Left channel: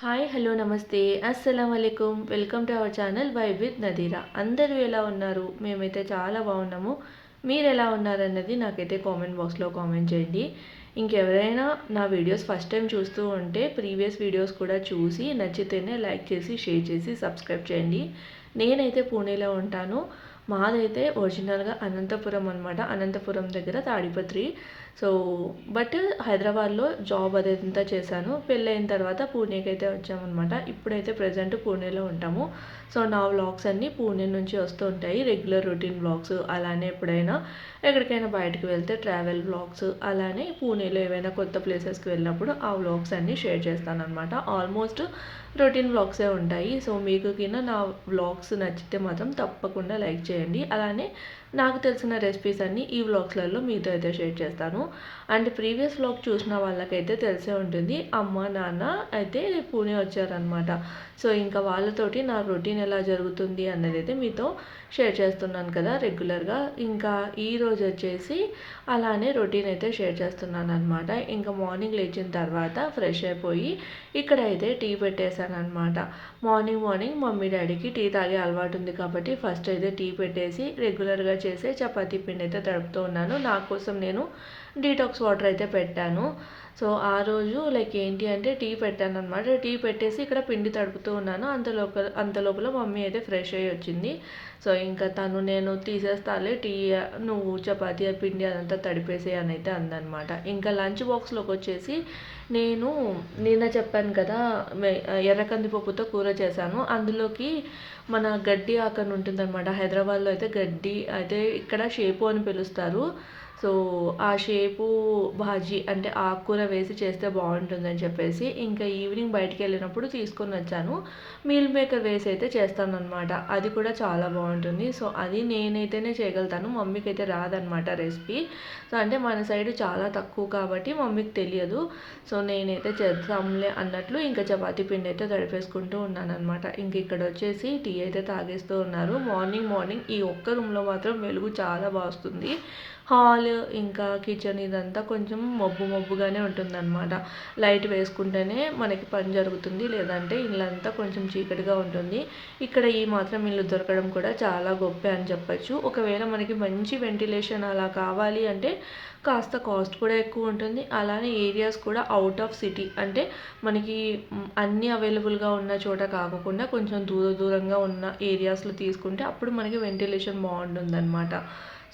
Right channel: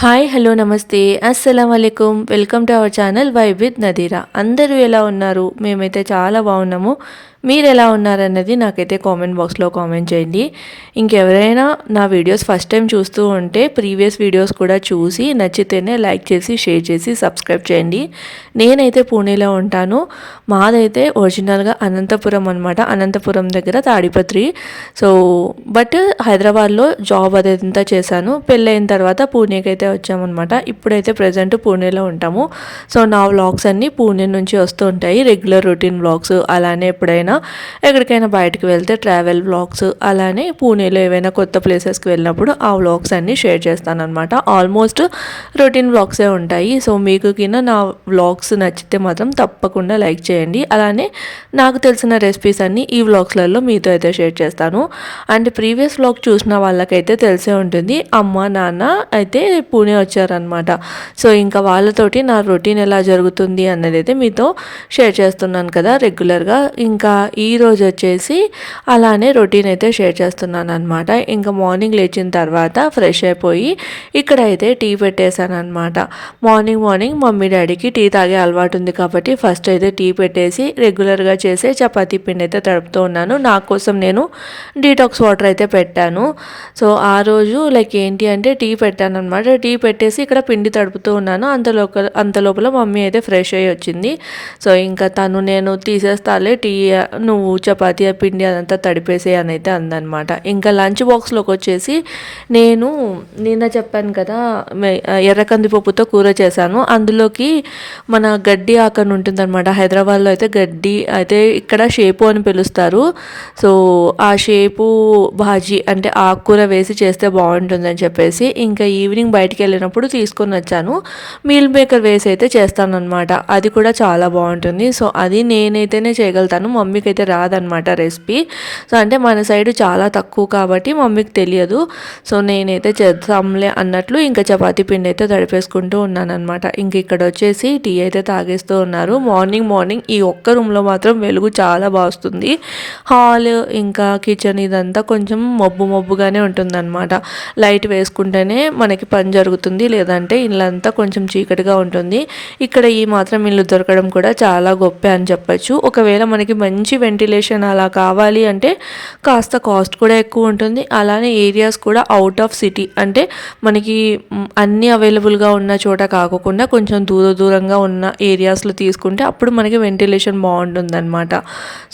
Hi hello నమస్తే అస్సలం వాలేకుమ్ welcome to our channel vibe with Nadira. అందరూ ఎలా ఉన్నారు? మేమైతే చాలా బాగున్నాము. మీరు ఎలా ఉన్నారన్నది నాకైతే కామెంట్ బాక్స్లో కామెంట్ చేయండి. ఇంకెవరైనా నా వీడియోస్ ఫస్ట్ టైం చూస్తూ ఉంటే ప్రీవియస్ వీడియోస్ కూడా చూసి నచ్చితేనే లైక్ చేసి షేర్ చేసి సబ్స్క్రైబ్ చేయండి. నేనైతే పూణేలో ఉంటాను. మాదైతే ఒరిజినల్గా అనంతపురం అనమాట. అనంతపురం దగ్గర తాడిపత్రి. సో బట్ హైదరాబాద్లో జాబ్ అదంతా చేశాను. పెళ్ళైన తర్వాత పూణేకి అయితే వచ్చామన్నమాట. ఇప్పుడైతే ప్రజెంట్ పూణేలో ఉంటాము. సో నా వ్లాగ్స్ అన్నీ పూణే నుంచి వస్తూ ఉంటాయి. రెగ్యులర్ రొటీన్ వ్లాగ్స్, అలానే ఎప్పుడైనా ఎక్కడికైనా బయటకు వెళ్తే ట్రావెల్ వ్లాగ్స్, అలానే పూణేలో ఏవైనా కొత్త ప్లేసెస్కి వెళ్ళినప్పుడు ఆ వ్లాగ్స్ అన్నీ షేర్ చేస్తాను అనమాట. ఆల్మోస్ట్ రొటీన్ వ్లాగ్సే ఉంటాయి. సో మీకు కింద నా వ్లాగ్స్ నచ్చితే మాత్రం తప్పకుండా లైక్ చేయండి. అలానే నాకు తెలిసిన రెసిపీస్ అన్నీ ఈ వ్లాగ్స్లలో మీతో అయితే షేర్ చేస్తాను. అండ్ ప్రీవియస్ వ్లాగ్ చూసిన వాళ్ళకైతే తెలిసే ఉంటుంది, అమ్మ నాన్న అయితే పూణే వచ్చారనమాట. సో ఇంకా వాళ్ళతోటి నా రొటీన్ ఎలా జరుగుతుంది అన్నది అయితే మీతో షేర్ చేస్తున్నాను కదా రెగ్యులర్గా. ఇంకా ఈరోజు వచ్చేసి అలానే రొటీన్ అయితే షేర్ చేస్తున్నాను అనమాట. ఇంకా మార్నింగ్ లేచిన తర్వాత ఫ్రెష్ అయిపోయి ఇక్కడైతే టీ పెట్టేశాను అనమాట. మార్నింగ్ మమ్మీ డాడీకి టీ తాగే అలవాటు ఉంది కాబట్టి ఫస్ట్ అయితే టీ పెట్టేసి రెగ్యులర్గా చేసే చపాతీ పిండి అయితే తడుపుతూ ఉన్నాను. నా కోసం నేను డీటాక్స్ వాటర్ అయితే పెట్టాను. సో ఆ రోజు లైక్ ఏంటి అంటే టీ పెట్టాను అనమాట. టీ పెట్టేసి ఇక్కడ పిండి తడుపుతూ ఉన్నాను. అంత లోపల మమ్మీ అయితే ఫ్రెష్ అయ్యి వచ్చింది. సో ఇంకా తను నేను తీసేస్తాలే టీ, నువ్వు చపాతీ పిండి అదంతా తడిపేసే అని అయితే అందనమాట. ఇంకా లంచ్ బాక్స్లోకి వచ్చేసి నేను నిన్న చెప్పాను కదా ఎర్ర కందిపప్పుతో కూర చేశాను. అందులోకి మన గడ్డి ఆకని ఉంటుందన్నమాట. హైదరాబాద్లో అయితే గడ్డి అయితే ఇక్కడ షేపు అని పిలుస్తారు. సో ఆ షేపు భాజీ అంటే ఆకుకూర వేసి చేస్తే బాగుంటుందని చెప్పేసి ఇంకా ఈవినింగ్ బయటికి వెళ్ళినప్పుడు తీసుకొని వచ్చాను. మీల్ మేకర్ వేసి అయితే చేస్తానన్నమాట. అది కూడా చాలా బాగుంటుంది. సో అది నేనైతేనే చేయగలుగుతాను, మమ్మీకి అయితే రాదనమాట రెసిపీ. సో అంటే మన సైడ్ చాలా తక్కువ కాబట్టి మమ్మీకి తెలియదు. సో నేనైతే చేద్దాంలే అన్నట్లు ఇంకా చపాతీ పిండి అయితే తడిపేసుకుంటూ ఉన్నానమాట. ఇంక ఇక్కడ వచ్చేసి టీ అయితే తాగేస్తూ ఉన్నారు. మార్నింగ్ ఈ ఒక్క రూమ్లో మాత్రం వెలుగు చాలా బాగుంది. హాల్ ఇంకా కిచెన్ ఇదంతా కొంచెం మబ్బుగానే ఉంటుందన్నమాట. లైట్ వేసుకుంటేనే మనకి పని జరుగుతుంది, లేదంటే ఇల్లంతా కొంచెం చీకటిగా ఉంటుంది. ఇక్కడ ఈ మాత్రం ఇల్లు దొరకడం కూడా చాలా గొప్ప అని చెప్పచ్చు. ఒకవేళ మనకి మంచి వెంటిలేషన్ అలా కావాలి అంటే కాస్త కాస్ట్ కూడా ఎక్కువ ఉంటుంది. అలానే ఏరియాస్ కూడా అవుట్ ఆఫ్ సిటీ అంటే మనకి అన్నీ అవైలబుల్గా ఉన్న చోట కాకుండా కొంచెం దూరంగా ఉన్న ఏరియాస్లో తీసుకుంటే అప్పుడు మనకి వెంటిలేషన్ బాగుంటుందన్నమాట.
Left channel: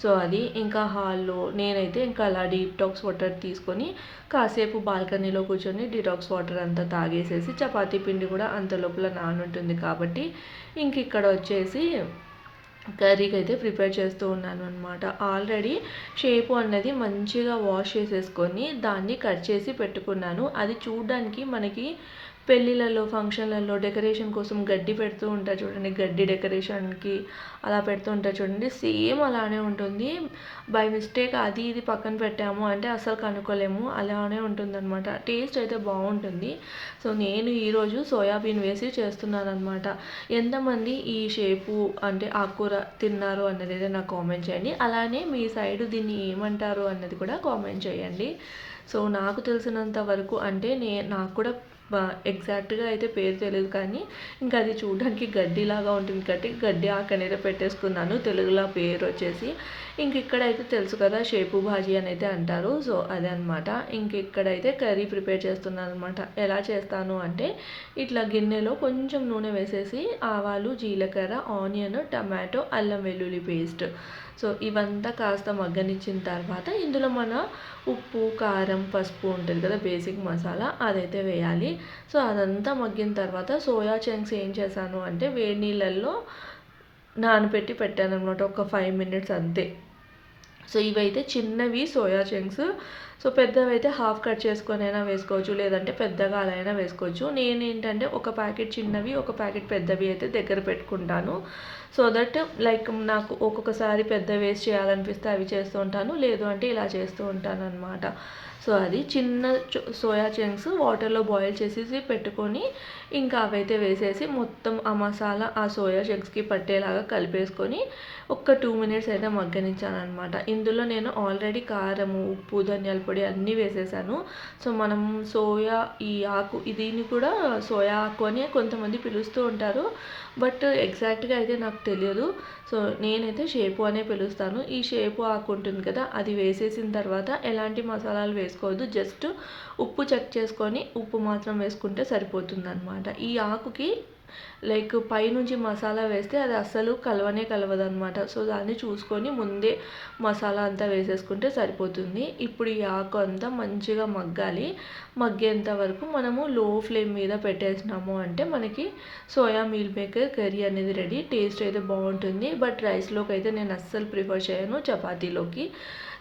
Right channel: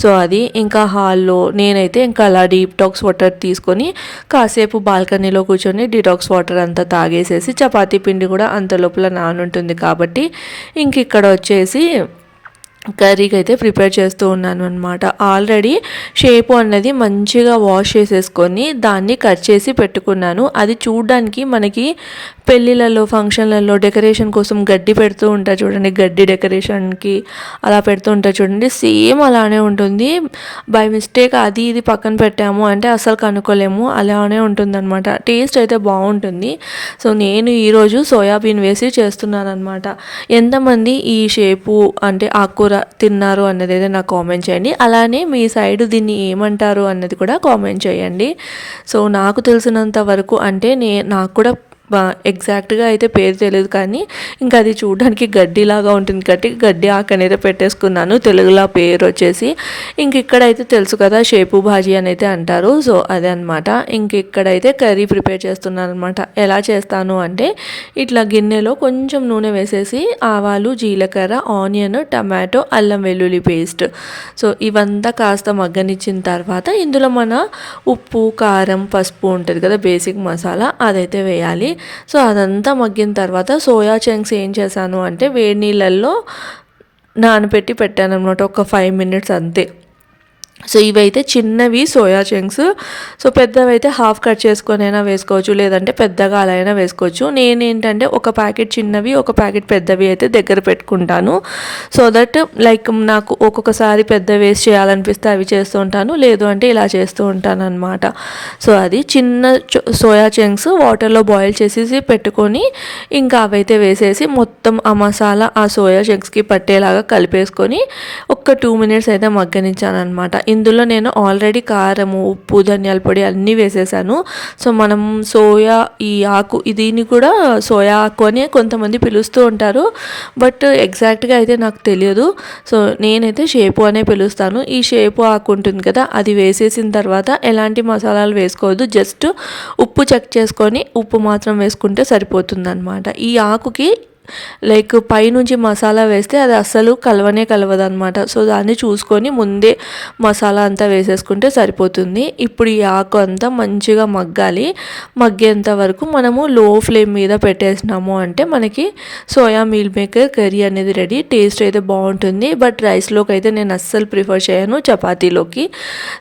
సో అది ఇంకా హాల్లో నేనైతే ఇంకా అలా డీటాక్స్ వాటర్ తీసుకొని కాసేపు బాల్కనీలో కూర్చొని డీటాక్స్ వాటర్ అంతా తాగేసేసి చపాతీ పిండి కూడా అంత లోపల నానుంటుంది కాబట్టి ఇంక ఇక్కడ వచ్చేసి కర్రీకి అయితే ప్రిపేర్ చేస్తూ ఉన్నాను అనమాట. ఆల్రెడీ షేపు అన్నది మంచిగా వాష్ చేసేసుకొని దాన్ని కట్ చేసి పెట్టుకున్నాను. అది చూడడానికి మనకి పెళ్ళిళ్ళలో ఫంక్షన్లలో డెకరేషన్ కోసం గడ్డి పెడుతూ ఉంటారు చూడండి, గడ్డి డెకరేషన్కి అలా పెడుతూ ఉంటారు చూడండి, సేమ్ అలానే ఉంటుంది. బై మిస్టేక్ అది ఇది పక్కన పెట్టాము అంటే అసలు కనుక్కోలేము, అలానే ఉంటుందన్నమాట. టేస్ట్ అయితే బాగుంటుంది. సో నేను ఈరోజు సోయాబీన్ వేసి చేస్తున్నాను అనమాట. ఎంతమంది ఈ షేపు అంటే ఆకుకూర తిన్నారు అన్నది అయితే నాకు కామెంట్ చేయండి. అలానే మీ సైడ్ దీన్ని ఏమంటారు అన్నది కూడా కామెంట్ చేయండి. సో నాకు తెలిసినంత వరకు అంటే నాకు కూడా ఎగ్జాక్ట్గా అయితే పేరు తెలియదు, కానీ ఇంకా అది చూడడానికి గడ్డిలాగా ఉంటుంది కాబట్టి గడ్డి ఆకు అనేది పెట్టేసుకున్నాను. తెలుగులో పేరు వచ్చేసి ఇంక ఇక్కడైతే తెలుసు కదా షేపు భాజీ అని అయితే అంటారు. సో అదే అనమాట. ఇంక ఇక్కడైతే కర్రీ ప్రిపేర్ చేస్తున్నాను అనమాట. ఎలా చేస్తాను అంటే ఇట్లా గిన్నెలో కొంచెం నూనె వేసేసి ఆవాలు, జీలకర్ర, ఆనియన్, టమాటో, అల్లం వెల్లుల్లి పేస్ట్, సో ఇవంతా కాస్త మగ్గనిచ్చిన తర్వాత ఇందులో మన ఉప్పు, కారం, పసుపు ఉంటుంది కదా బేసిక్ మసాలా, అదైతే వేయాలి. సో అదంతా మగ్గిన తర్వాత సోయా చంక్స్ ఏం చేశాను అంటే వేడి నీళ్ళల్లో నానబెట్టి పెట్టాను అనమాట, ఒక 5 minutes అంతే. సో ఇవైతే చిన్నవి సోయా చంక్స్. సో పెద్దవైతే హాఫ్ కట్ చేసుకొని అయినా వేసుకోవచ్చు, లేదంటే పెద్దగా అలా అయినా వేసుకోవచ్చు. నేనేంటంటే ఒక ప్యాకెట్ చిన్నవి, ఒక ప్యాకెట్ పెద్దవి అయితే దగ్గర పెట్టుకుంటాను. సో దట్ లైక్ నాకు ఒక్కొక్కసారి పెద్ద వేస్ట్ చేయాలనిపిస్తే అవి చేస్తూ ఉంటాను, లేదు అంటే ఇలా చేస్తూ ఉంటాను అనమాట. సో అది చిన్న సోయా చంక్స్ వాటర్లో బాయిల్ చేసేసి పెట్టుకొని ఇంకా అవైతే వేసేసి మొత్తం ఆ మసాలా ఆ సోయా చంక్స్కి పట్టేలాగా కలిపేసుకొని ఒక 2 minutes అయితే మగ్గనిచ్చాను అనమాట. ఇందులో నేను ఆల్రెడీ కారము, ఉప్పు, ధనియాల పొడి అన్నీ వేసేసాను. సో మనం సోయా ఈ ఆకు దీన్ని కూడా సోయా ఆకు అని కొంతమంది పిలుస్తూ ఉంటారు, బట్ ఎగ్జాక్ట్గా అయితే నాకు తెలియదు. సో నేనైతే షేపు అనే పిలుస్తాను. ఈ షేపు ఆకు ఉంటుంది కదా, అది వేసేసిన తర్వాత ఎలాంటి మసాలాలు వేసుకోవద్దు, జస్ట్ ఉప్పు చెక్ చేసుకొని ఉప్పు మాత్రం వేసుకుంటే సరిపోతుందన్నమాట. ఈ ఆకుకి లైక్ పైనుంచి మసాలా వేస్తే అది అస్సలు కలవదు అనమాట. సో దాన్ని చూసుకొని ముందే మసాలా అంతా వేసేసుకుంటే సరిపోతుంది. ఇప్పుడు ఈ ఆకు అంతా మంచిగా మగ్గాలి. మగ్గేంత వరకు మనము లో ఫ్లేమ్ మీద పెట్టేసినాము అంటే మనకి సోయా మీల్ మేకర్ కర్రీ అనేది రెడీ. టేస్ట్ అయితే బాగుంటుంది, బట్ రైస్లోకి అయితే నేను అస్సలు ప్రిఫర్ చేయను, చపాతీలోకి.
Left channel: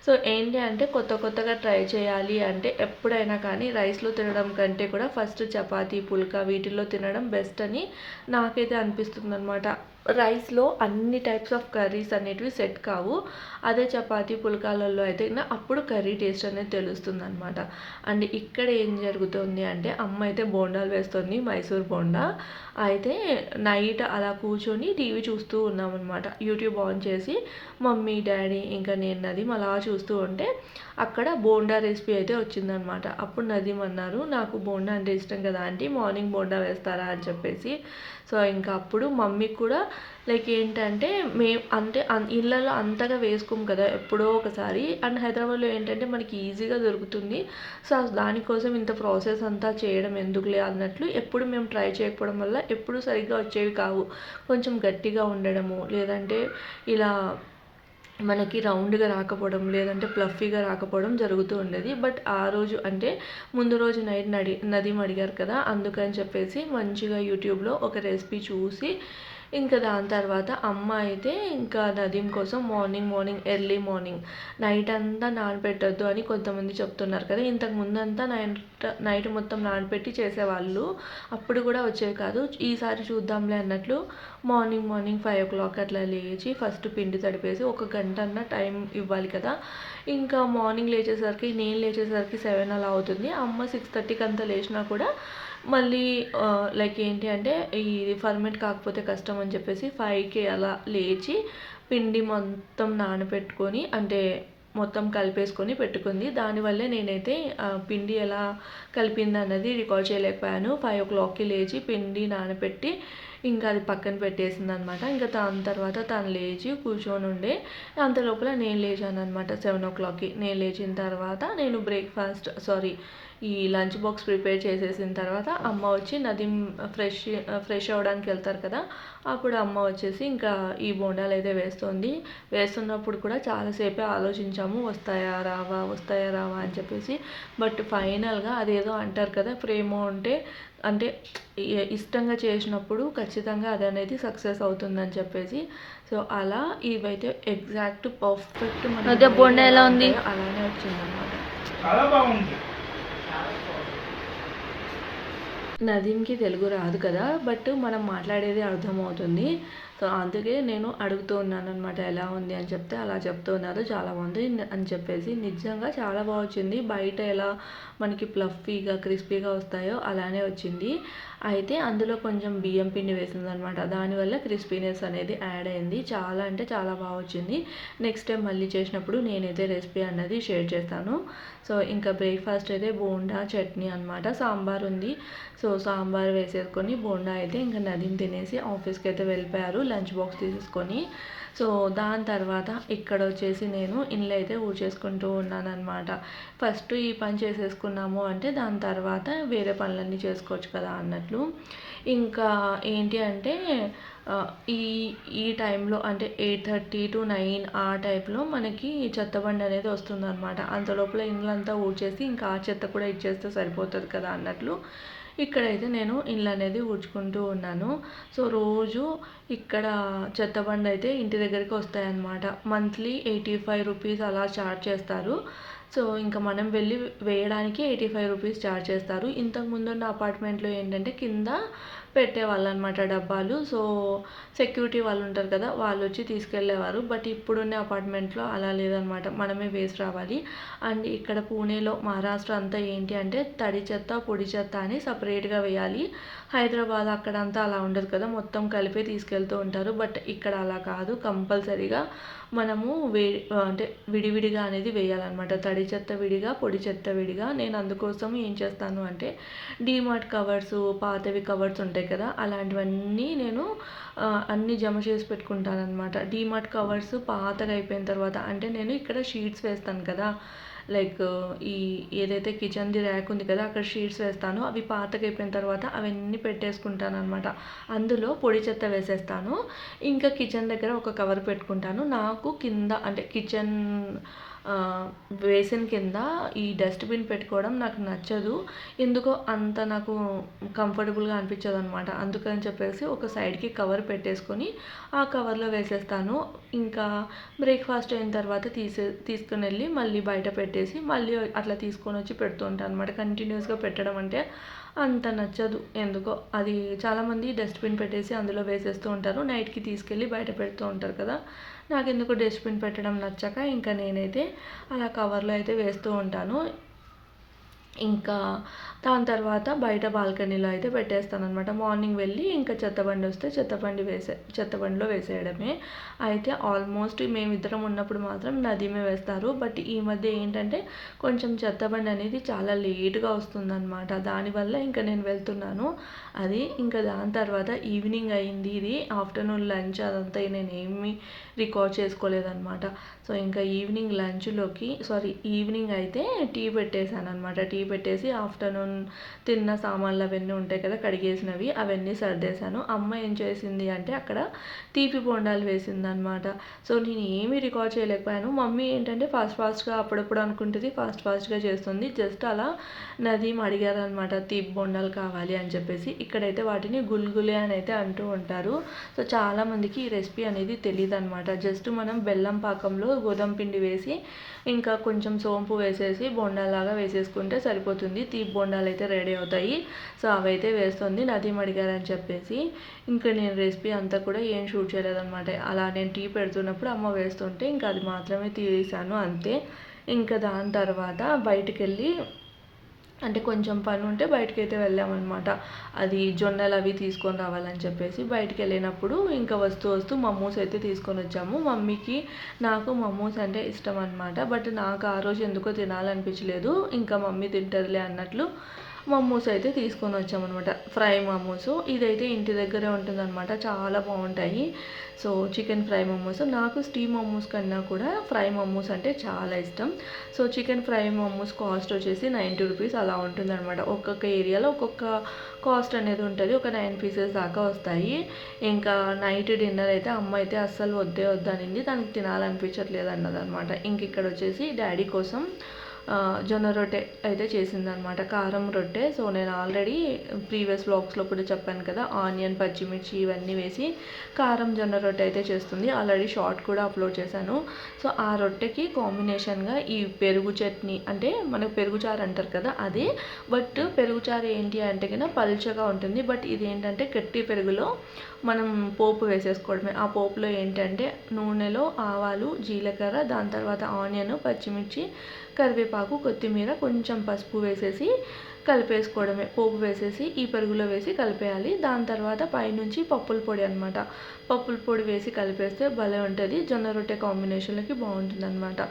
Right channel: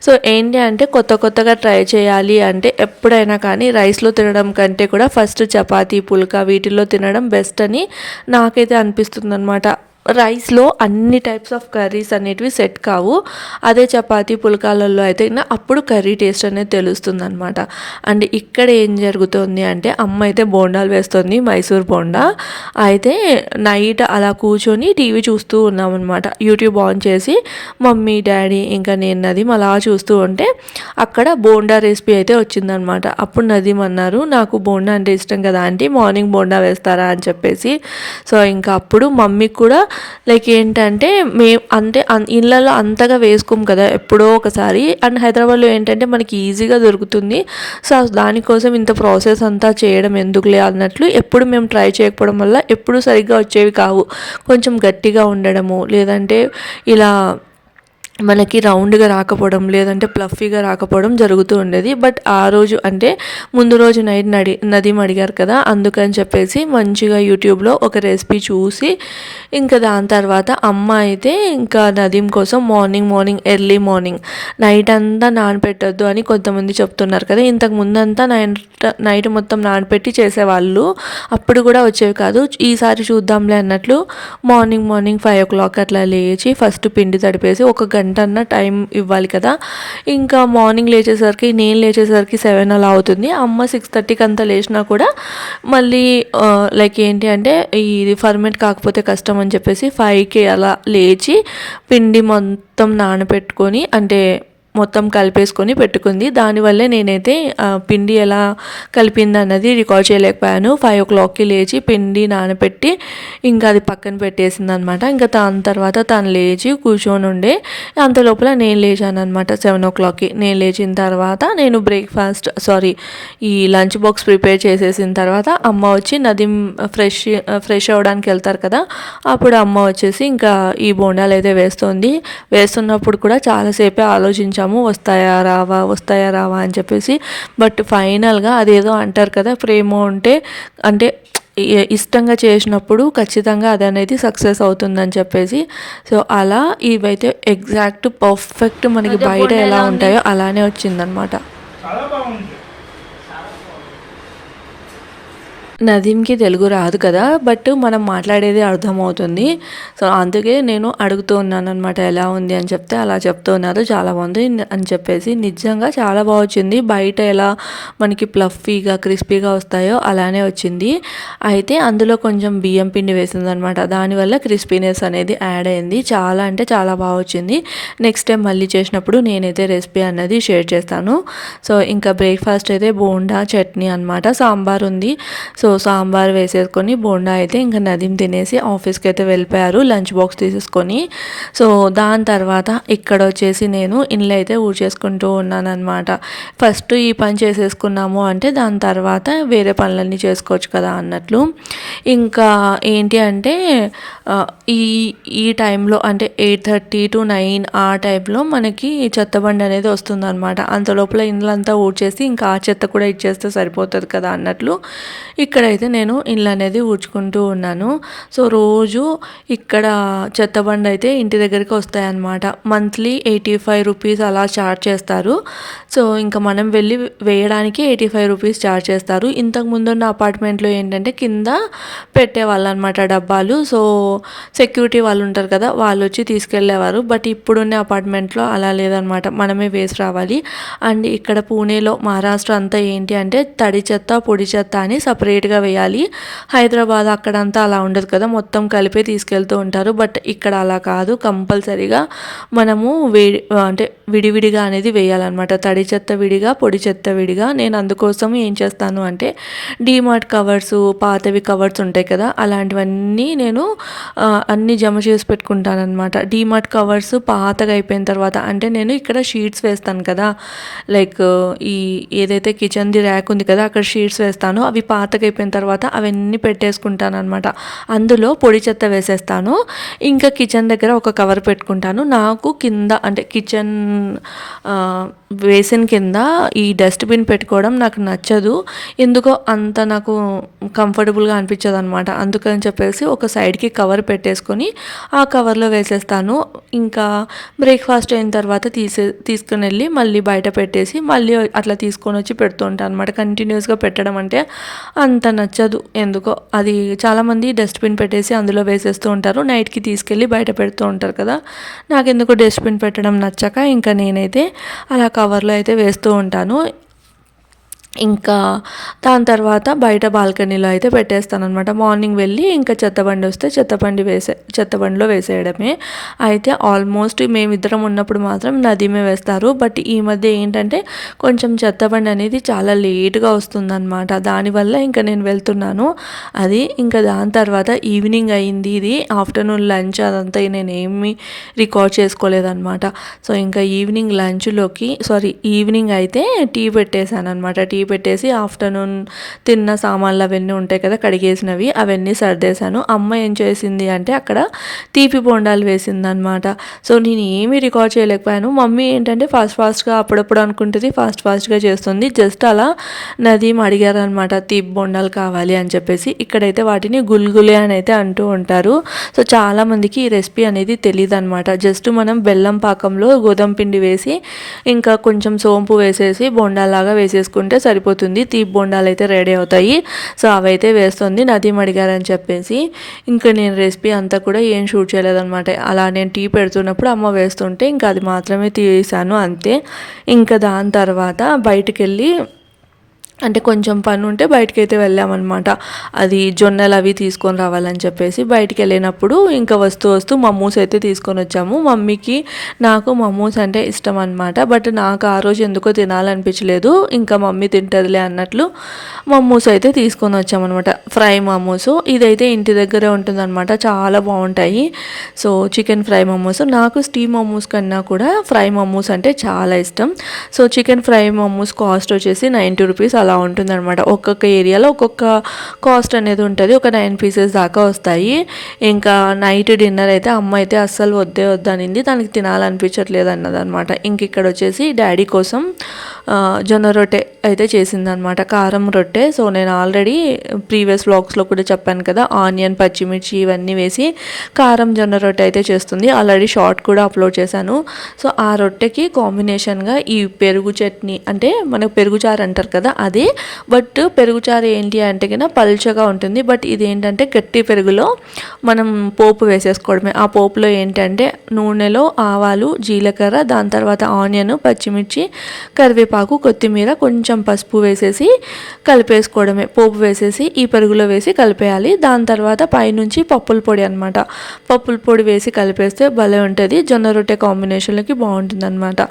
సో ఏంటి అంటే కొత్తగా ట్రై చేయాలి అంటే ఎప్పుడైనా కానీ రైస్లో తినడం కంటే కూడా ఫస్ట్ చపాతీ, పుల్కా వీటిల్లో తినడం బెస్ట్ అని నాకైతే అనిపిస్తుంది అనమాట. రైస్లో అన్ని టైప్స్ ఆఫ్ కర్రీస్ అనేటివి సెట్ కావు. అదే చపాతీ, పుల్కాలలో అయితే అప్పుడు కర్రీ టేస్ట్ అనేది తెలుస్తుంది అనమాట. అండ్ ఇక్కడ ఏం జరుగుతుంది అంటే అమ్మ అయితే బోండాలు వేస్తుంది, మైసూర్ బోండా. అయితే నైట్ అలా కూర్చొని టీవీ చూస్తూ ఉన్నామన్నమాట. యూట్యూబ్ ఆన్ చేసి మమ్మీ, డాడీ ఇంకా నేను నదీం అలా చూస్తూ ఉంటే అక్కడ బోండా రెసిపీ అయితే వచ్చిందనమాట. అప్పుడు నదీం అన్నారు, నాకు బోండా అంటే ఇష్టం కదా ఆంటీ, మార్నింగ్ బోండా వేస్తారా అని చెప్పేసి. సో ఇంకా అప్పుడు మమ్మీకి కూడా లైక్ ఏంటంటే మేము అంటే ఇళ్ళలో అంతగా వేసుకోము కదా, ఎప్పుడో ఒకసారి. అండ్ హైదరాబాద్లో ఏంటంటే మనకి ఈజీగా దొరుకుతుంది. సో దానికోసం ఇంత ప్రాసెస్ అంతా చేయడం ఎందుకులే అన్నట్లు ఎప్పుడు మేము ట్రై చేయకపోవడం వల్ల ఎప్పుడు సరిగ్గా వచ్చేవి కావు. కొంచెం గట్టిగా ఉండడము, లేదంటే ఇలా మనకి రౌండ్గా రాకపోవడం, లేదంటే ప్లఫీగా రాకపోవడం జరుగుతూ ఉండేది. బట్ ఆ రోజు అంటే ముందు రోజు నైట్ నదీం అడిగారు కదా, అందుకని చెప్పేసి మంచిగా యూట్యూబ్లో ఒక రెసిపీ చూసి ఇంకా దాని తర్వాత అమ్మ అయితే ఇంకా నదీం కోసం మార్నింగ్ ఎర్లీ మార్నింగ్ నైట్ అంతా నానపెట్టద్దు అని కొంతమంది చెప్తున్నారు కదా. ఇంతకు ముందంతా నైట్ మొత్తం నానపెట్టి చేసేవాళ్ళు, అప్పుడు కూడా వచ్చేవి కాదు. ఈసారి చూద్దాంలే అన్నట్లు మార్నింగ్ 5 o'clock అట్లా లేచి ఫస్ట్ పిండి తడిపేసి ఒక గంట అన్న టైం ఇవ్వాలి కదా. ఇంకా మార్నింగ్ నేను లేచేసరికి 7 అలా అవుతుంది. అమ్మ 6:30కి అంతా లేచినా కూడా మళ్ళీ లైక్ ఏంటి అంటే ఇది ఫర్మెంట్ కాకపోతే కష్టం అని చెప్పేసి 5కి అలా లేచి పిండి మొత్తం నానబెట్టుకొని అంటే మొత్తం కలిపేసుకొని పెట్టుకుంది. దానివల్లే నేనైతే పిండి ఎలా కలిపింది అన్నది రికార్డ్ చేయలేకపోయాను. 5 o'clockకి లేచి పిండి నానబెట్టి ఇంకా అది పక్కన పెట్టేసింది అనమాట. ఇంకా దాని తర్వాత తను లేచి కూర్చొని ఉండే అంత లోపల నేను లేచాను అనమాట. 7 o'clockకి నేను లేచిన తర్వాత నేను ఈ లంచ్ బాక్స్ ప్రిపేర్ చేసేసిన తర్వాత అమ్మ వచ్చి నదీం ఫ్రెష్ అవ్వడానికి వెళ్తారు కదా, అప్పుడు అమ్మ వచ్చేసి ఇంకా ఈ బోండాలు అయితే వేస్తున్నప్పుడు కూడా చాలాసేపే ఆలోచించాము, వస్తాయా రావా అని చెప్పేసి. బట్ ఫైనల్గా అదేదో అంటారు కదా, ప్రేమ అంటే ఇష్టంగా చేసినప్పుడు ఖచ్చితంగా అది అనేది సక్సెస్ అవుతుందని చెప్పేసి. సో అలా ఇవైతే ఎగ్జాక్ట్ పర్ఫెక్ట్ మనకి బయట ఎలా ఉంటాయో అలానే వచ్చిందనమాట. నదీంకి తెలుగు రాదు కదా, బట్ మనం మాట్లాడేది అర్థమవుతుంది. సో అందుకే నేను అడుగుతూ ఉన్నాను అనమాట, ఎలా ఉంది అని చెప్తే అలా చెప్తూ ఉన్నారు చాలా బాగుంది అని చెప్పేసి. నిజంగా చాలా బాగా వచ్చింది. బయట ఎలా మనకి ప్లఫీగా క్రిస్పీగా వస్తాయో అలానే వచ్చింది. అయితే అందులో కొంచెం బియ్యం పిండి వేసిందనమాట, దానివల్ల క్రిస్పీనెస్ అనేది యాడ్ అయింది. చాలా అంటే చాలా బాగా వచ్చింది. నెక్స్ట్ టైం మళ్ళీ చేసినప్పుడు నేనైతే రెసిపీ అన్నది షేర్ చేస్తాను. సో ఇంకా బ్రేక్ఫాస్ట్ అయితే బోండా చట్నీ అనమాట, సాంబార్ ఉంది. సో సాంబార్ వేసేసుకొని బోండా అయితే ఇంకా నదీం తినేసి ఆఫీస్కి అయితే వెళ్ళిపోయారు లంచ్ బాక్స్ తీసేసుకొని. సో దాని తర్వాత ఇక్కడ వచ్చేసి నేను ఇండ్లు అయితే ఊడ్చేసుకుంటూ ఉన్నాను అనమాట. ఫస్ట్ ఈ పని చేసేసుకున్నాము అంటే దాని తర్వాత వేరే పనులన్నీ చేసుకోవచ్చు కదా అన్నట్లు. ఇంకా ఏంటి అంటే ఈ టైంలో అంటే 8:30 to 9 ఆ టైంలో మనకి చెత్తబండి అనేది వస్తుందన్నమాట. అంత లోపల ఇండ్లంతా ఊడ్చేసి ఇంకా ఆ చెత్త కూడా ఇచ్చేస్తే సరిపోతుంది కదా అన్నట్లు ఇక్కడైతే నేను ఇల్లు అనేది ఊడ్చుకుంటూ ఉన్నాను. సో రోజు ఇక్కడ చెత్తబండి అయితే ఇంటి దగ్గరికి వస్తాయన్నమాట. మంత్లీ 85 రూపీస్ అలా ఛార్జ్ చేస్తారు. సో ఇంకా మనం వెళ్ళి వేయడానికి 85 రూపీస్ ఛార్జ్ చేస్తారు. ఇంతకు ముందున్న అపార్ట్మెంట్లో ఏంటంటే కింద పెట్టేవాళ్ళు అనమాట డబ్బాలు. సో సెక్యూరిటీ వాళ్ళు ఉంటారు కదా, వాళ్ళు వచ్చి తీసుకెళ్ళేవారు. బట్ ఇప్పుడున్న అపార్ట్మెంట్లో అలా లేదనమాట, మనమే వేసి రావాలి. అండ్ ఇక్కడ పూణేలో మహారాష్ట్ర అంతా ఏంటి అంటే తడి చెత్త పొడి చెత్త అని సపరేట్గా వేయాలి. హైదరాబాద్ అక్కడంతా అలా ఉండదు కదా, మొత్తం కలిపే తీసుకెళ్తూ ఉంటారు. బట్ ఇక్కడ అలా కాదు, కంపల్సరీగా మనము అంటే విడివిడిగా అనేది వేయాలన్నమాట. తడి చెత్త విడిగా పొడి చెత్త విడిగా. నేను అందుకోసం ఏం చేస్తాను అంటే డీమార్ట్ కవర్స్, పాతవి కవర్స్ ఉంటాయి కదా, అలాంటివన్నీ నేను అన్నీ జమ చేసి పెట్టుకుంటాను అనమాట. డీమార్ట్ కవర్స్ పాతగా అయిపోయిన తర్వాత, అంటే నేను ఇక్కడ షీట్స్ వేస్తాను కదా, లైక్ ఈ ఏదైతే కిచెన్ది ర్యాక్ ఉంది కదా, అక్కడ షీట్స్ వేస్తాను. అవి పాతగా అయిపోయిన తర్వాత అవన్నీ పెట్టేసుకుంటాను అనమాట. అందులో పొడి చెత్త వేసేస్తాను. ఇంకా కిచెన్ దగ్గర ఒక కవర్ పెట్టుకుంటాను. నాకు కింద అంటే కిచెన్ బేసిన్ కింద ఈ డస్ట్బిన్ పెట్టుకోవడం నాకు నచ్చదు. ఎందుకో అంత నాకు కంఫర్టబుల్గా అనిపించదు అనమాట. అందుకని చెప్పేసి ఒక సైడ్కి కవర్ పెట్టేసుకొని ఆ కవర్లో వేసేస్తాను. ఇంకా బ్రేక్ఫాస్ట్ అయిన తర్వాత తీసుకుని వెళ్ళి మళ్ళీ బయట పెట్టేసి మళ్ళీ అట్లా తీసుకొని వచ్చి పెడుతూ ఉంటాను అనమాట. కంటిన్యూస్గా పెట్టడం అంటే అంత నచ్చదు ఎందుకో. అది చాలామంది డస్ట్బిన్ పెట్టేసి అందులో వేసేస్తూ ఉంటారు, నైట్కి తీసుకెళ్ళి బయట పెడుతూ ఉంటారు కదా. నాకెందుకు డస్ట్బిన్ పెట్టడం నచ్చక ఇంకా నేనైతే అలా కవర్లో అయితే వేస్తూ ఉంటాను. ఇంకా దాని తర్వాత బయట బాల్కనీలో అయితే పెట్టేస్తాను అనమాట. మార్నింగ్ వెళ్ళి ఇంకా చెత్తబండి వస్తే చెత్తబండిలో వేసేయడమే. అయితే ఆల్మోస్ట్ మేమిద్దరం ఉన్నప్పుడు మాత్రం నదీమే వేస్తారు. బట్ ఈ మధ్య ఏంటంటే కొంచెం చెత్తబండి అనేది చాలా లేట్గా వస్తుందన్నమాట. దానివల్ల ఇంకా నేను వెళ్తున్నాను. అది ఇంకా దాని తర్వాత ఈవినింగ్ అయింది. ఇది ఆఫ్టర్నూన్ లంచ్ అదంతా నేను ఏమీ రికార్డ్ చేసుకోలేదన్నమాట. సో ఇంకా ఈవినింగ్ అయితే టీ పెట్టేశాను అనమాట. టీ పెట్టేసి ఆఫ్టర్నూన్ తిన్న సామాన్లు అవన్నీ ఉంటాయి కదా కడిగేసినవి, అవన్నీ సర్దేశాను. అమ్మ ఏం చేసింది అంటే అక్కడ తీపి బొండాలు వేసిందనమాట. సో నేను ఏమీ రికార్డ్ చేయలేకపోయాను. మమ్మీ ఏంటంటే ఫాస్ట్గా అప్పుడప్పుడు అనుకుంటుంది, ఫాస్ట్గా చేస్తుంది. జస్ట్ అలా నదీం అడిగారనమాట తీపి బొండాలు కావాలి అని చెప్పేసి. ఇక్కడైతే వాటిని గుల్గులే అని అయితే అంటూ ఉంటారు. సో చాలామందికి ఈ రెసిపీ అనేది తెలియదు అనమాట. జస్ట్ మనం బెల్లం పాకంలో గోధుమ పిండి వేసి ఇంకా కొంచెం సోంపు వేసేసి బొండాలాగా వేసేసుకుంటే సరిపోతుంది. తీపి బొండాలు అయితే రెడీ అవుతాయి. సో అవైతే వేస్తుంది నదీం అడిగారని చెప్పేసి. ఇంకా నేను రెసిపీ అంతా కూడా ఏం షూట్ చేయలేదన్నమాట. అలా నేను టీ పెడుతున్నప్పుడు అమ్మ వేస్తుంటే ఇంకా అది మాత్రమే తీసాను అంతే. ఇంకా దాని తర్వాత బయటికి వెళ్ళి అంటే కొంచెం పని ఉంటే బయటకైతే వెళ్ళామన్నమాట. అది జొన్నలు అవి తీసుకొని రావాలని చెప్పేసి బయటికి వెళ్ళినప్పుడు ఇంకా వస్తూ మమ్మూస్ అయితే తీసుకొని వచ్చాము. మమ్మీకి నాకు మమ్మూస్ అంటే ఇష్టం అనమాట. బట్ నాకు ఆ రోజు ఎందుకో తినాలనిపించలేదు. ఇంకా మమ్మీ తింటదిలే అన్నట్లు మమ్మూస్ అయితే తీసుకొని వచ్చామన్నమాట. ఫ్రై మమ్మూస్. ఇదైతే ఇంటి దగ్గరే ఉంటుందన్నమాట, చాలా బాగుంటాయి. So chicken fry momos. నాకు స్టీమ్ మమ్మూస్ కన్నా కూడా ఫ్రై మమ్మూస్ అంటే చాలా ఇష్టం. సో చికెన్ ఫ్రై మమ్మూస్ కాస్ట్ వచ్చేసి 90 రూపీస్ అలా ఉంటుందన్నమాట. ఒక్కొక్క ఏరియాలో ఒక్కొక్క కాస్ట్ అనేది ఉంటుంది. ఒక 9 పీసెస్ దాకా వస్తాయి. ఇంకా నైట్ డిన్నర్ అయితే అమ్మ అయితే అస్సలు వద్దనింది, తనకి తినాలనిపించట్లేదు అన్నదనమాట. ఇంక ఇక్కడ వచ్చేసి డాడీ కోసం జొన్న రొట్టె అయితే చేసిందనమాట, కారం రొట్టె. సో నేను ఆల్రెడీ ప్రీవియస్ వ్లాగ్స్లో కూడా చెప్పాను కదా, ఆనియన్ పచ్చిమిర్చి ఇవన్నీ వేసి కారం జొన్న రొట్టె అయితే చేస్తుంది. ఆల్రెడీ షార్ట్ కూడా అప్లోడ్ చేశాను. సో ఆ రొట్టెకి కాంబినేషన్గా ఈ పెరుగు చట్నీ, అంటే మనకు పెరుగుచారు అంటారు కదా అదే. బట్ పెరుగుచారు ఏంటి అంటే కన్నా పల్చగా ఉంటుంది. బట్ ఇది ఏంటంటే గట్టి పెరుగులో మనం పోపు వేసేసుకోవడమే. ఆ పోపులో ఏంటంటే నూనెలో ఆవాలు, జీలకర్ర, దాని తర్వాత ఆనియన్, పచ్చిమిర్చి, కరివేపాకు, కొత్తిమీర, కొంచెం పసుపు వేసేసి కలిపేసుకోవడమే. పోపు వేసేసి ఈ పెరుగులో వేసి కలిపేయాలి. దాని తర్వాత పైనుంచి పప్పుల పొడి అనమాట, పప్పుల పొడి వేసి కలిపేస్తే భలే ఉంటుంది. జొన్న రొట్టె కాంబినేషన్లోకి బాగుంటుంది అనమాట.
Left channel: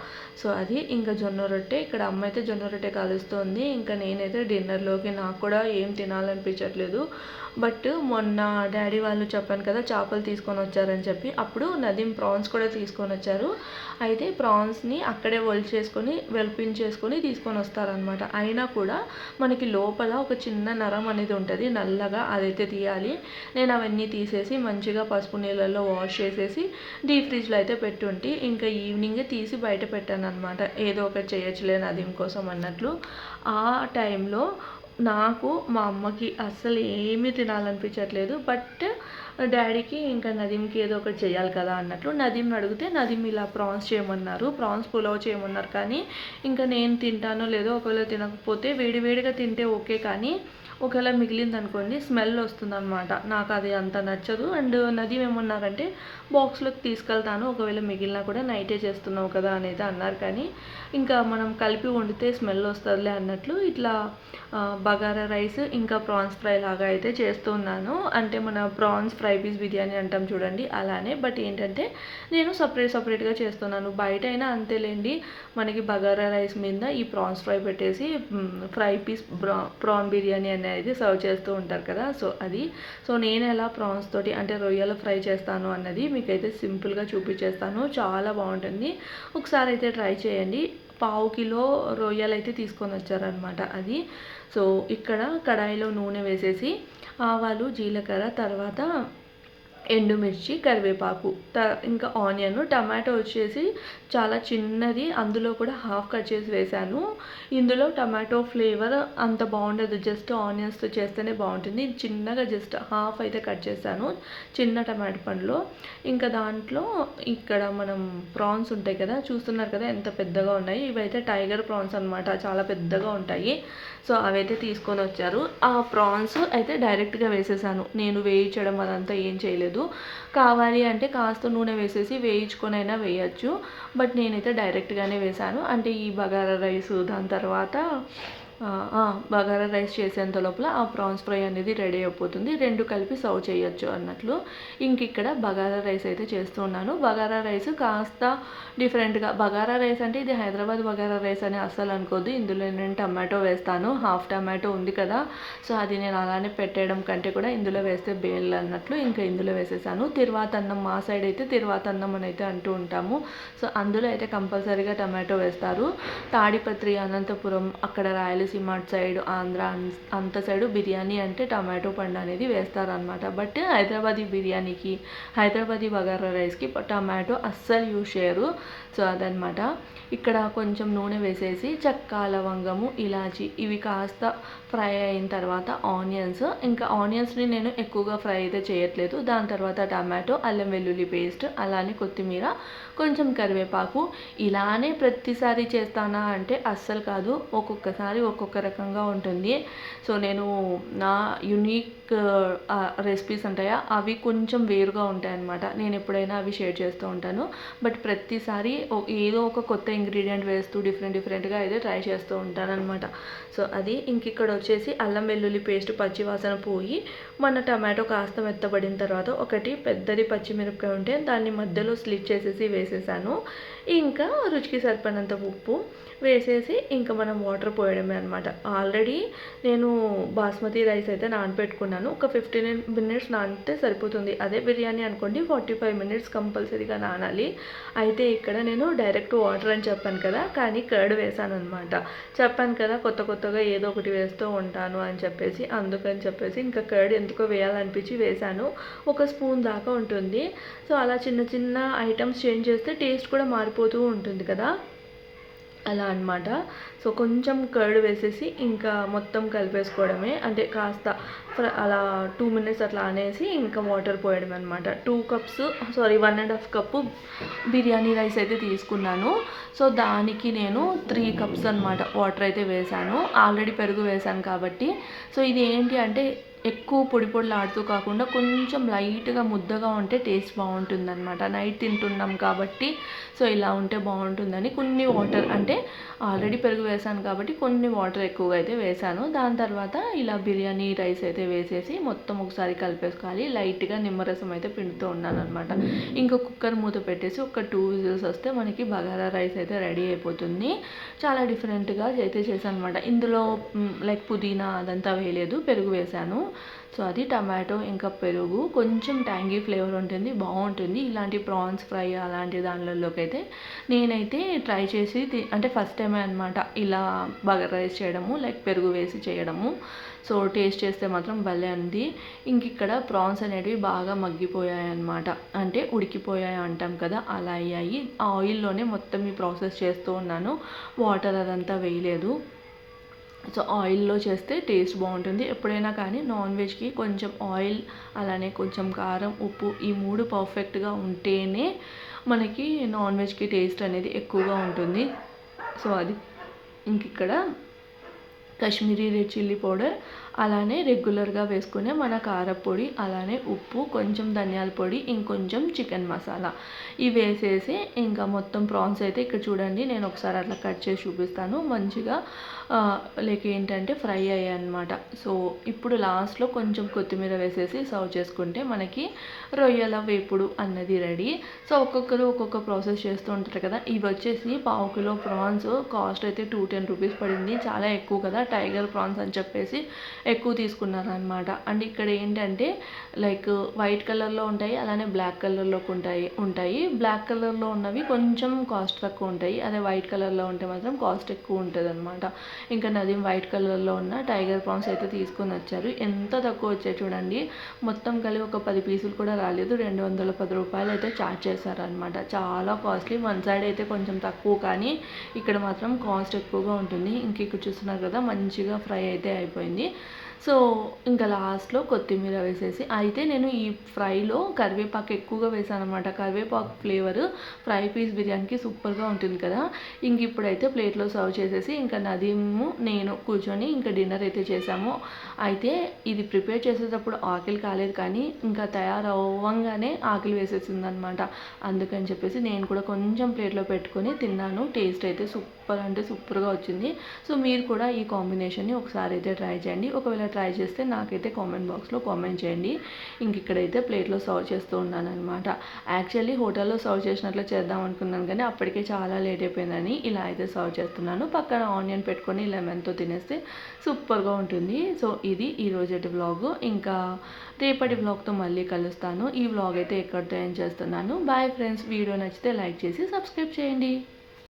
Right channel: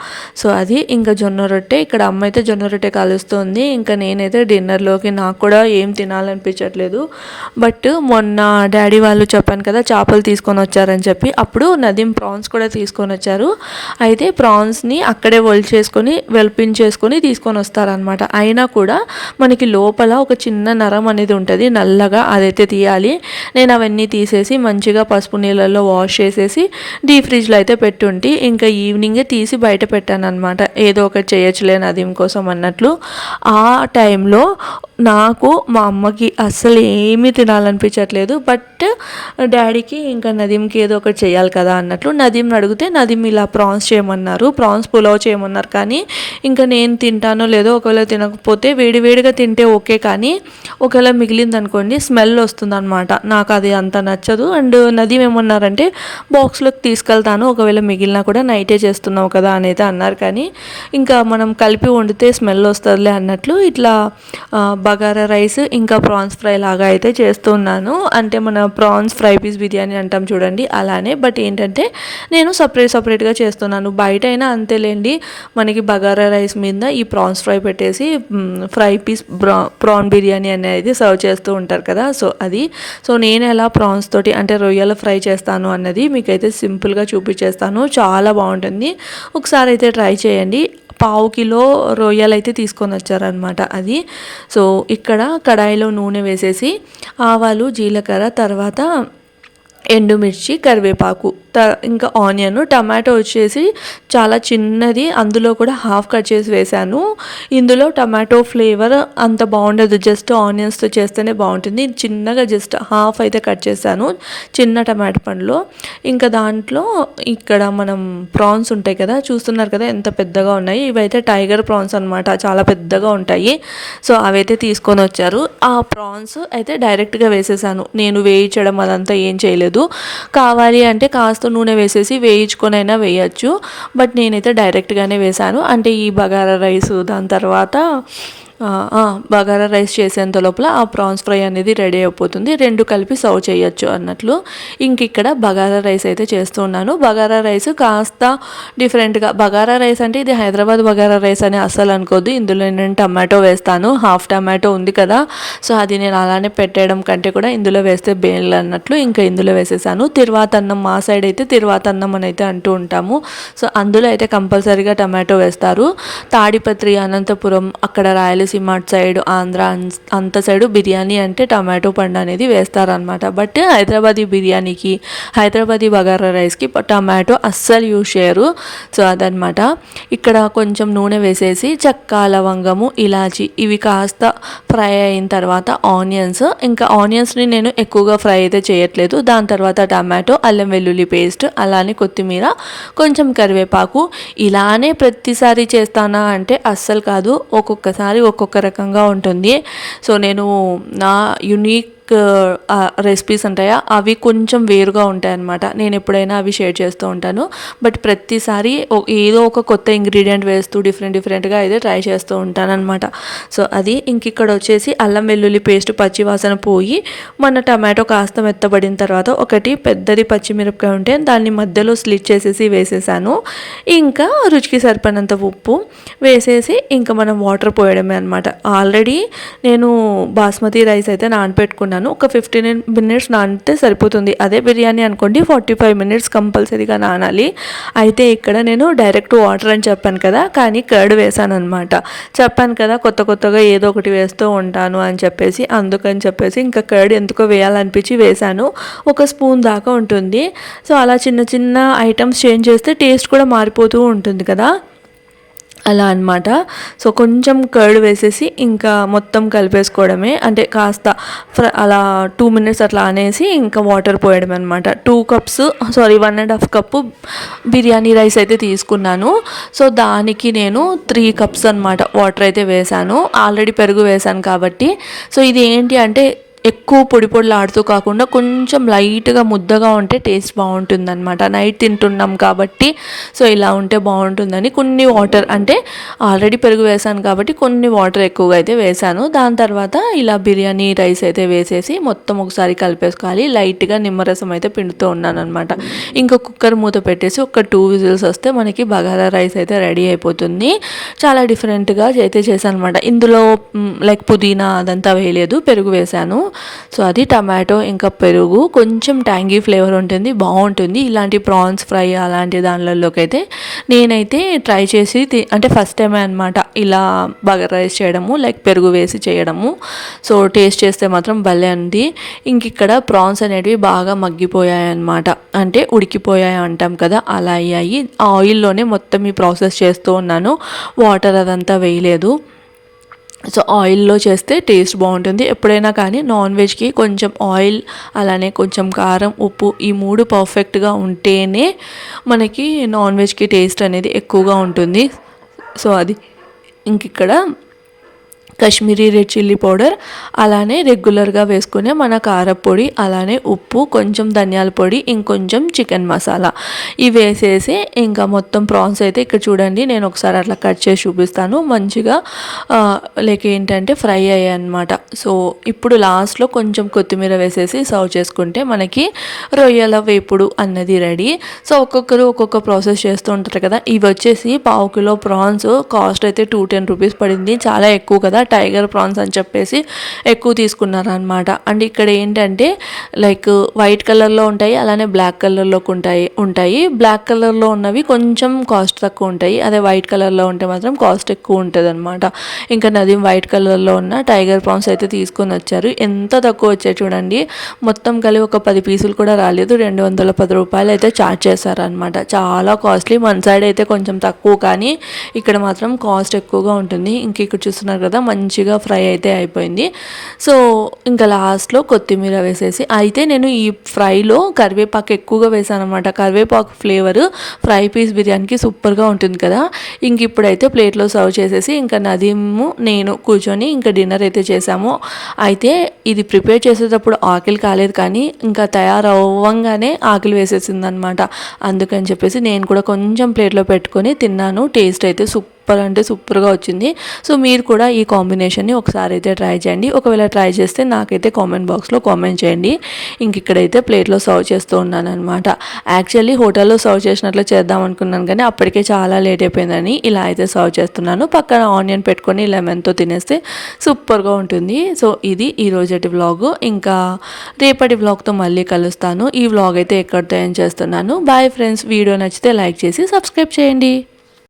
సో అది ఇంకా జొన్న రొట్టె. ఇక్కడ అమ్మ అయితే జొన్న రొట్టె కలుస్తుంది. ఇంకా నేనైతే డిన్నర్లోకి నాకు కూడా ఏం తినాలనిపించట్లేదు. బట్ మొన్న డాడీ వాళ్ళు చెప్పాను కదా చేపలు తీసుకొని వచ్చారని చెప్పి, అప్పుడు నదీం ప్రాన్స్ కూడా తీసుకొని వచ్చారు. అయితే ప్రాన్స్ని అక్కడే వెల్పించేసుకొని తీసుకొని వస్తారనమాట. అయినా కూడా మనకి లోపల ఒక చిన్న నరం అనేది ఉంటుంది నల్లగా, అదైతే తీయాలి. నేను అవన్నీ తీసేసి మంచిగా పసుపు నీళ్ళల్లో వాష్ చేసేసి డీప్ ఫ్రిడ్జ్లో అయితే పెట్టుంటే ఇంకా ఈవినింగే తీసి బయట పెట్టాను అనమాట. ఏదో ఒకటి చేయొచ్చులే నదీం కోసం అన్నట్లు. ఆ టైంలో నాకు మా అమ్మకి అస్సలు ఏమీ తినాలనిపించట్లేదు. బట్ డాడీకి ఇంకా నదీంకి ఏదో ఒకటి చేయాలి కదా అన్నట్లు నదీంని అడిగితే నదీం ఇలా ప్రాన్స్ చేయమన్నారు, ప్రాన్స్ పులావ్ చేయమన్నారు. కానీ ఇంకా నేను తింటానో లేదో, ఒకవేళ తినకపోతే వేడివేడిగా తింటే ఓకే, కానీ ఒకవేళ మిగిలిందనుకోండి స్మెల్ వస్తుందన్నమాట. నాకు అది అంత నచ్చదు. అండ్ నదీమ్ ఏమన్నారంటే బాక్స్లోకి తీసుకెళ్తాను, ఒకవేళ మిగిలినా కూడా నైటే చేస్తున్నావు కదా అని అయితే అన్నారు. కానీ ఇంకా మనం కలిపి వండితే స్మెల్ వస్తుందిలే అన్నట్లు ఇట్లా బగారా రైస్ ఇంకా ప్రాన్స్ ఫ్రై లాగా అయితే చేస్తున్నాను. అంటే మన ప్రాన్స్ ఫ్రై పీస్ బిర్యానీ అంటాం చూడండి, అలానే. బట్ ఏంటంటే నేను సపరేట్గా చేస్తున్నాను. బయట అయినా అంతేలేండి, మనకి బగారా రైస్ మీద ఈ ప్రాన్స్ ఫ్రై పెట్టేసి ఫ్రై పీస్ ప్రాన్ బిర్యానీ అనేది సర్వ్ చేస్తూ ఉంటారు కదా. సో నేను ఎలా ప్రాన్స్ తోటి అంటే రొయ్యల ఫ్రై చేస్తాను అన్నది మీకైతే సింపుల్గా చూపించేస్తాను. చాలా బాగుంటుంది, ఒకసారి అయితే ట్రై చేయండి. 1/2 కిలో రొయ్యలు అయితే తీసుకొని వచ్చారనమాట. అది సో ఇక్కడ కడాయిలో నూనె వేసేసి ఆవాలు, జీలకర్ర, తర్వాత ఎండుమిర్చి, కరివేపాకు, ఇంకా ఆనియన్, టమాటో వచ్చేసి చాలా చిన్నది, అందులో కూడా హాఫ్ కట్ చేసి వేశాను. ఇందులో టమాటో ఫ్లేవర్ అంత బాగుండదు, జస్ట్ ఆనియన్స్తో చేస్తేనే బాగుంటుంది. చిన్నగా జస్ట్ హాఫ్ అయితే కట్ చేశాను చిన్న టమాటో పండులో. ఇంకా దాంట్లో ఇక్కడ మనం ప్రాన్స్ ఉంటాయి కదా, చూస్తున్నారు కదా ఎంత పెద్దగా ఉన్నాయి. ఇవైతే టైగర్ ప్రాన్స్ అనమాట, చాలా పెద్దగా ఉంటాయి. సో అవైతే తీసుకొని వచ్చారు. ఆ ప్రాన్స్ అయితే డైరెక్ట్గా వేసేసాను, నేను వేయించడం అదంతా ఏం చేయలేదు. కావాలి అంటే కాస్త నూనె వేసేసి వేయించుకొని అయినా వేయచ్చు, బట్ నేనైతే డైరెక్ట్గానే వేసాను. అంటే ఈ బగారా రైస్ దాని తర్వాత బగారా రైస్ చేసేంత లోపల ఆ ప్రాన్స్ ఫ్రై అనేది రెడీ అయిపోతుంది, రెండు కలిపి సర్వ్ చేయొచ్చు అన్నట్లు. ఇంక ఇక్కడ బగారా రైస్ అయితే చేస్తున్నాను. బగారా రైస్ కాస్త డిఫరెంట్గా, బగారా రైస్ అంటే ఇది హైదరాబాద్ బగారా రైస్ అని అస్సలు అనుకోద్దు. ఇందులో నేను టమాటో వేస్తాను, హాఫ్ టమాటో ఉంది కదా, సో అది నేను అలానే పెట్టేయడం కంటే కూడా ఇందులో వేస్తే బేల్ అన్నట్లు ఇంకా ఇందులో వేసేసాను. తిరువాతన్నం, మా సైడ్ అయితే తిరువాతన్నం అని అయితే అంటూ ఉంటాము. సో అందులో అయితే కంపల్సరీగా టమాటో వేస్తారు. తాడిపత్రి, అనంతపురం, అక్కడ రాయలసీమ సైడ్, ఆంధ్ర అంత సైడు బిర్యానీ అంటే టమాటో పండు అనేది వేస్తారనమాట. బట్ హైదరాబాదీ బిర్యానీకి, హైదరాబాదీ బగారా రైస్కి టమాటో అస్సలు యూజ్ చేయరు. సో అదనమాట. ఇక్కడ కొంచెం నూనె వేసేసి చెక్క, లవంగము, ఇలాచి ఇవి కాస్త ఫ్రై అయిన తర్వాత ఆనియన్స్, ఇంకా ఆనియన్స్ని నేను ఎక్కువగా ఫ్రై అయితే చేయట్లేదు. దాని తర్వాత టమాటో, అల్లం వెల్లుల్లి పేస్ట్, అలానే కొత్తిమీర, కొంచెం కరివేపాకు. ఇలానే ప్రతిసారి చేస్తానా అంటే అస్సలు కాదు, ఒక్కొక్కసారి ఒక్కొక్క రకంగా ఉంటుంది. సో నేను నా యూనిక్ రెసిపీస్ ఉంటాయా అవి కొంచెం వేరుగా ఉంటాయన్నమాట. నేను ఎప్పుడైనా అవి షేర్ చేస్తూ ఉంటాను. బట్ ప్రతిసారి ఏదో ఒక కొత్త ఇంగ్రీడియంట్ వేస్తూ డిఫరెంట్గా అయితే ట్రై చేస్తూ ఉంటాను అనమాట. సో అది ఇంక ఇక్కడ వచ్చేసి అల్లం వెల్లుల్లి పేస్ట్ పచ్చివాసన పోయి మన టమాటో కాస్త మెత్తబడిన తర్వాత ఒకటి పెద్దది పచ్చిమిరపకాయ ఉంటే దాన్ని మధ్యలో స్లిట్ చేసేసి వేసేసాను. ఇంకా రుచికి సరిపడినంత ఉప్పు వేసేసి ఇంకా మనం వాటర్ పోయడమే అనమాట. ఆల్రెడీ నేను బాస్మతి రైస్ అయితే నానపెట్టుకున్నాను, ఒక 15 minutes నానితే సరిపోతుంది. అదే బిర్యానీ అనుకోండి 45 minutes కంపల్సరీగా నానాలి. అయితే ఇక్కడ నేను డైరెక్ట్ వాటర్ అని చెప్పాను కదా, కానీ కర్డ్ వేసాను అనమాట. చెప్పాను కదా కొత్తగా ఏదో ఒకటి వేస్తూ ఉంటాను అని చెప్పేసి, అందుకని చెప్పేసి ఇంకా కర్డ్ ఎందుకో వేయాలనిపించి వేసాను. 1 స్పూన్ దాకా ఉంటుంది. సో అలా చిన్న ఐటమ్స్ చేంజ్ చేస్తే టేస్ట్ కూడా మారిపోతూ ఉంటుంది కదా, అలా అనమాట. సో కొంచెం కర్డ్ వేసేసి ఇంకా మొత్తం కలిపేసుకోవడమే. అంటే కాస్త అలా 2 minutes అట్లా అనేసి ఇంకా వాటర్ పోయడం అనమాట. 1.5 కప్పు బిర్యానీ రైస్ అయితే తీసుకున్నాను. సో దానికి నేను 3 cups అనమాట వాటర్ అయితే వేసాను. ఆల్రెడీ పెరుగు వేసాను కాబట్టి. సో ఇది ఏంటి అంటే ఎక్కువ పొడిలాడుతూ కాకుండా కొంచెం లైట్గా ముద్దగా ఉంటే టేస్ట్ బాగుంటుందన్నమాట. నైట్ తింటున్నాం కాబట్టి సో ఇలా ఉంటే బాగుంటుందని కొన్ని వాటర్, అంటే ఆల్రెడీ పెరుగు వేసాను కాబట్టి కొన్ని వాటర్ ఎక్కువగా అయితే వేసాను. దాని తర్వాత ఇలా బిర్యానీ రైస్ అయితే వేసేసి మొత్తం ఒకసారి కలిపేసుకోవాలి. లైట్గా నిమ్మరసం అయితే పిండుతూ ఉన్నాను అనమాట. ఇంకా కుక్కర్ మూత పెట్టేసి ఒక 2 whistles వస్తే మనకి బగారా రైస్ అయితే రెడీ అయిపోతుంది. చాలా డిఫరెంట్గా అయితే చేశాను అనమాట. ఇందులో లైక్ పుదీనా అదంతా వేయలేదు, పెరుగు వేసాను. సో అది టమాటో ఇంకా పెరుగు, కొంచెం ట్యాంగీ ఫ్లేవర్ ఉంటుంది, బాగుంటుంది. ఇలాంటి ప్రాన్స్ ఫ్రై అలాంటి దానిలోకి అయితే నేనైతే ట్రై చేసి అంటే ఫస్ట్ టైమే అనమాట ఇలా బగారా రైస్ చేయడము, లైక్ పెరుగు వేసి చేయడము. సో టేస్ట్ చేస్తే మాత్రం భలే ఉంది. ఇంక ఇక్కడ ప్రాన్స్ అనేటివి బాగా మగ్గిపోయాయి అనమాట, అంటే ఉడికిపోయాయి అంటాం కదా, అలా అయ్యాయి. ఆయిల్లోనే మొత్తం ఈ ప్రాసెస్ చేస్తూ ఉన్నాను, వాటర్ అదంతా వేయలేదు. సో ఆయిల్లో చేస్తే టేస్ట్ బాగుంటుంది. ఎప్పుడైనా కానీ నాన్ వెజ్కి కొంచెం ఆయిల్, అలానే కొంచెం కారం, ఉప్పు ఈ 3 పర్ఫెక్ట్గా ఉంటేనే మనకి నాన్ వెజ్కి టేస్ట్ అనేది ఎక్కువగా ఉంటుంది. సో అది ఇక్కడ కాశ్మీరీ రెడ్ చిల్లీ పౌడర్, అలానే రెగ్యులర్గా వేసుకునే మన కారపొడి, అలానే ఉప్పు, కొంచెం ధనియాల పొడి, ఇంకొంచెం చికెన్ మసాలా ఇవి వేసేసి ఇంకా మొత్తం ప్రాన్స్ అయితే ఇక్కడ చూడండి నేను ఒకసారి అట్లా కట్ చేసి చూపిస్తాను. మంచిగా లైక్ ఏంటంటే ఫ్రై అయ్యాయి అనమాట. సో ఇప్పుడు లాస్ట్లో కొంచెం కొత్తిమీర వేసేసి సర్వ్ చేసుకుంటే మనకి రొయ్యల వేపుడు అన్నది రెడీ. సో ఒక్కొక్కరు ఒక్కొక్క ప్రాసెస్ చేస్తూ ఉంటారు కదా. ఇవి వచ్చేసి పావు కిలో ప్రాన్స్ కాస్ట్ అయితే 210 రూపీస్ పడింది. చాలా ఎక్కువ కదా, టైగర్ ప్రాన్స్ అని చెప్పేసి ఎక్కువ తీసుకున్నారు అనమాట. అండ్ ఇక్కడ ఏంటంటే లైక్ వైట్ కలర్లో ఉంటాయి, అలానే బ్లాక్ కలర్లో ఉంటాయి. బ్లాక్ కలర్లో ఉన్నవి కొంచెం కాస్ట్ తక్కువ ఉంటాయి, అదే వైట్ కలర్లో ఉంటే మాత్రం కాస్ట్ ఎక్కువ ఉంటుంది అనమాట. ఇంకా నదీం వైట్ కలర్లో ఉన్న టైగర్ ప్రాన్స్ అయితే తీసుకొని వచ్చారు. ఎంత తక్కువ వచ్చాయి చూడండి, మొత్తం కలిపి ఒక 10 పీసులు కూడా రాలేదు. 210 రూపాయలు అయితే ఛార్జ్ చేశారనమాట. చాలా కాస్ట్లీ. మన సైడ్ అయితే కొంచెం తక్కువ, కానీ ఇక్కడ మాత్రం కాస్ట్ ఎక్కువగా ఉంటుంది. ఇంక ఇక్కడ చూస్తున్నారు కదా మంచిగా ఫ్రై అయితే అయిపోయింది. సో ఇంకా లాస్ట్లో కొత్తిమీర వేసేసి అయితే నేను ఈ ఫ్రైలో కరివేపాకు ఎక్కువగా వేసాను అనమాట. కరివేపాకు ఫ్లేవర్ ఫ్రై పీస్ బిర్యానీకి సూపర్గా ఉంటుంది కదా. ఇంక ఇప్పుడైతే ప్లేట్లో సర్వ్ చేసేసి ఇంకా నదీము నేను కూర్చొని ఇంకా డిన్నర్ అయితే చేసాము. అయితే ఇది ప్రిపేర్ చేసేటప్పుడు ఆకలి కాలేదు, కానీ ఇంకా తయారవ్వంగానే ఆకలి వేసేసింది అనమాట. అందుకని చెప్పేసి నేను కూడా కొంచెం ప్లేట్లో పెట్టుకొని తిన్నాను. టేస్ట్ అయితే సూపర్ అంటే సూపర్గా వచ్చింది. సో మీరు కూడా ఈ కాంబినేషన్ని ఒకసారి అయితే ట్రై చేయండి. ఒకవేళ ట్రై చేస్తే నాకైతే కామెంట్ బాక్స్లో కామెంట్ చేయండి. ఇంక ఇక్కడైతే ప్లేట్లో సర్వ్ చేస్తూ ఉన్నాను అనమాట. యాక్చువల్లీ హోటల్లో సర్వ్ చేసినట్లు చేద్దాం అనుకున్నాను, కానీ అప్పటికే చాలా లేట్ అయిపోయిందని ఇలా అయితే సర్వ్ చేస్తున్నాను. పక్కన ఆనియన్ పెట్టుకొని లెమన్తో తినేస్తే సూపర్గా ఉంటుంది. సో ఇది ఈ రోజటి వ్లాగ్. ఇంకా రేపటి వ్లాగ్తో మళ్ళీ కలుస్తాను. ఈ వ్లాగ్ అయితే ఎక్కడితో ఏం చేస్తున్నాను. Bye friends. వీడియో నచ్చితే లైక్ చేసి సబ్స్క్రైబ్ చేయండి.